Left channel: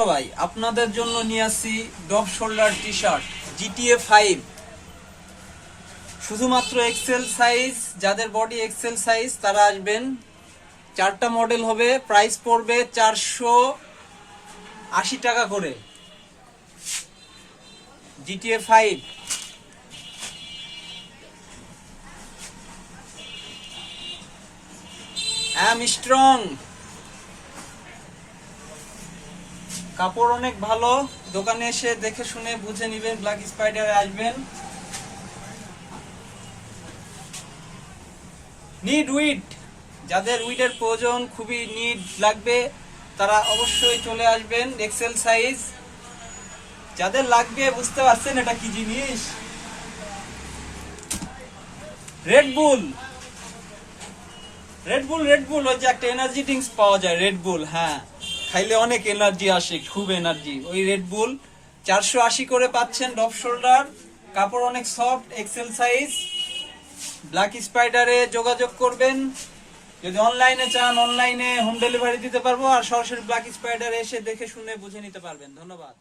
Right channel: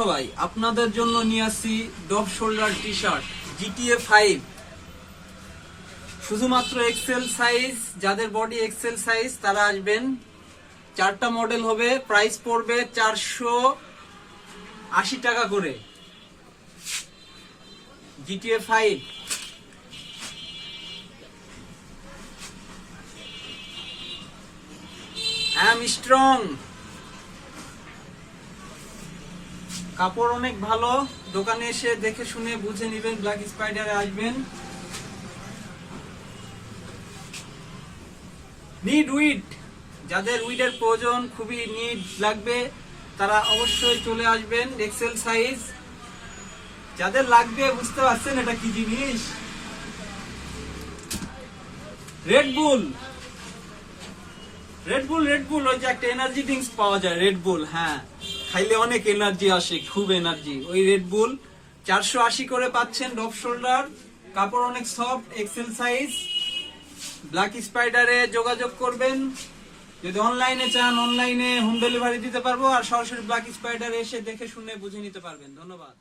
সবাই, আপনাদের জন্য নিয়ে আসছি ডব শোল্ডার টি শার্ট GTA 5, শুধুমাত্র এক্সেল সাইজ। যাদের বডি এক্সেল সাইজ তারা আসবেন। 4টা মডেল হবে, প্রাইস পড়বে 480 টাকা করে। GTA 5 অ্যাম স্ট্রং, কাপড় অনেক ভালো। দোকানে এসে দেখে শুনে বুঝে নিবেন। ব্ল্যাক স্পাইডারে আসবেন। নিড উইড, যাদের উইডের প্রয়োজন, খুবই নিড লাগবে, তারা অবশ্যই চলে আসবেন। এক্সেল সাইজ যাদের লাগবে, বুঝতে পারছেন এটা কি জিনিস? রেডবুল, রেডবুল, রেডবুল ওই যে একটা এনার্জি ড্রিঙ্কস পাওয়া যায়, রেডবুল। হ্যাঁ, খাইলে অনেক এনার্জি আসে, খুব এনার্জি। ওই রেডবুল 480 করে পাচ্ছেন। ডব শোল্ডার, কাপড় অনেক সফট, এক্সেল সাইজ। ব্ল্যাক স্পাইডারে যোগাযোগ করবেন। যদি অনলাইনে চান, অনলাইনে হোম ডেলিভারি দিতে পারবো, আর সরাসরি ব্ল্যাক স্পাইডারে এসে দেখে শুনে বুঝে নিতে পারবেন। ধন্যবাদ।